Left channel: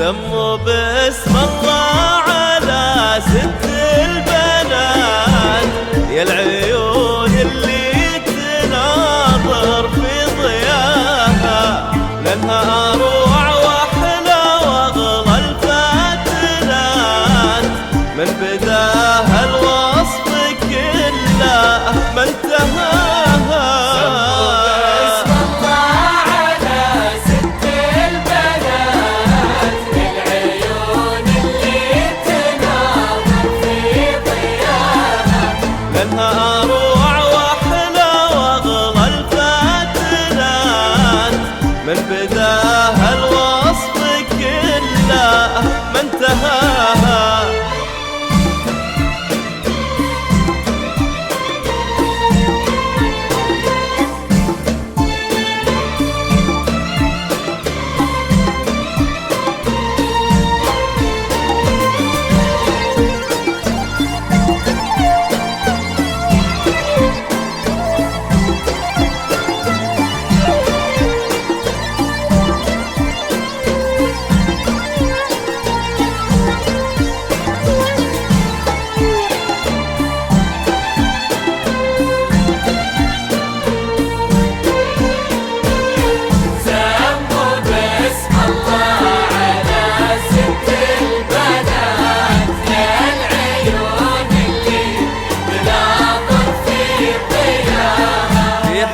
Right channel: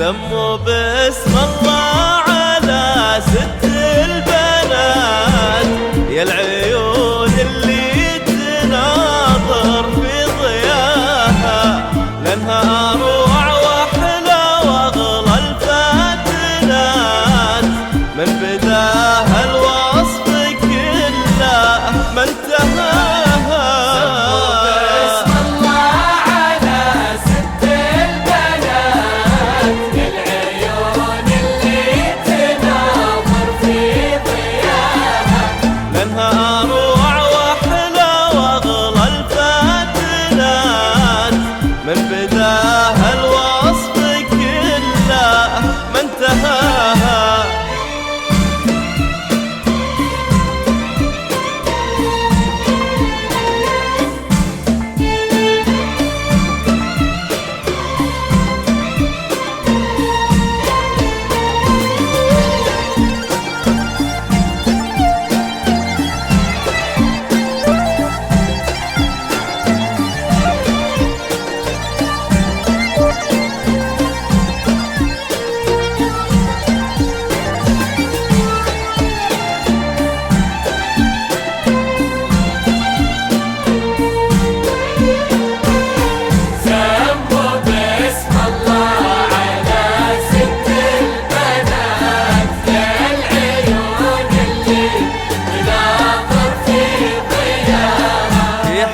سموا باسم الله على ست البنات، يا العيون اللي تناظر في ضياها، لانها اروع واحلى واغلى الفاتنات، من بداها الوصف كله ما انتهاها. لانها اروع واحلى واغلى الفاتنات، من بداها الوصف كله ما انتهاها.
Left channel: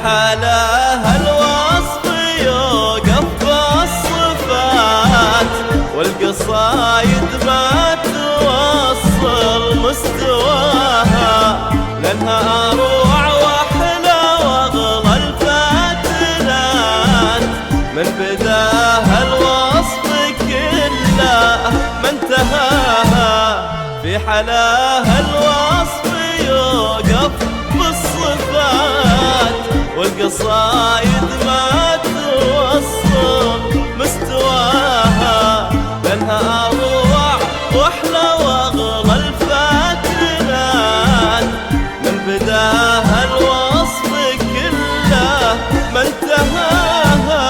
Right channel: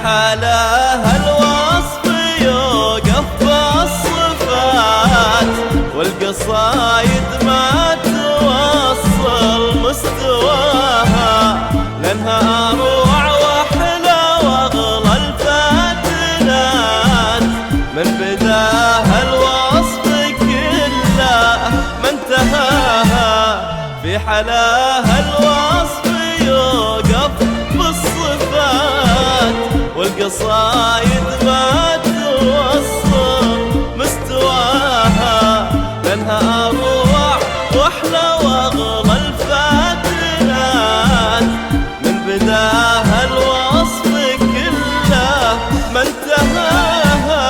حلاها الوصف يوقف بالصفات، والقصايد ما توصل مستواها، لانها اروع واحلى واغلى الفاتنات، من بداها الوصف كله ما انتهاها. في حلاها الوصف يوقف بالصفات، والقصايد ما توصل مستواها، لانها اروع واحلى واغلى الفاتنات، من بداها الوصف كله ما انتهاها.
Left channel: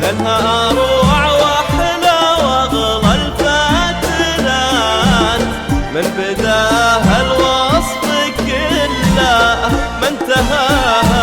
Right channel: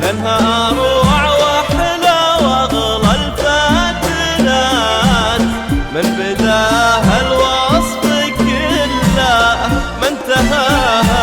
لانها اروع واحلى واغلى الفاتنات، من بداها الوصف كله ما انتهاها.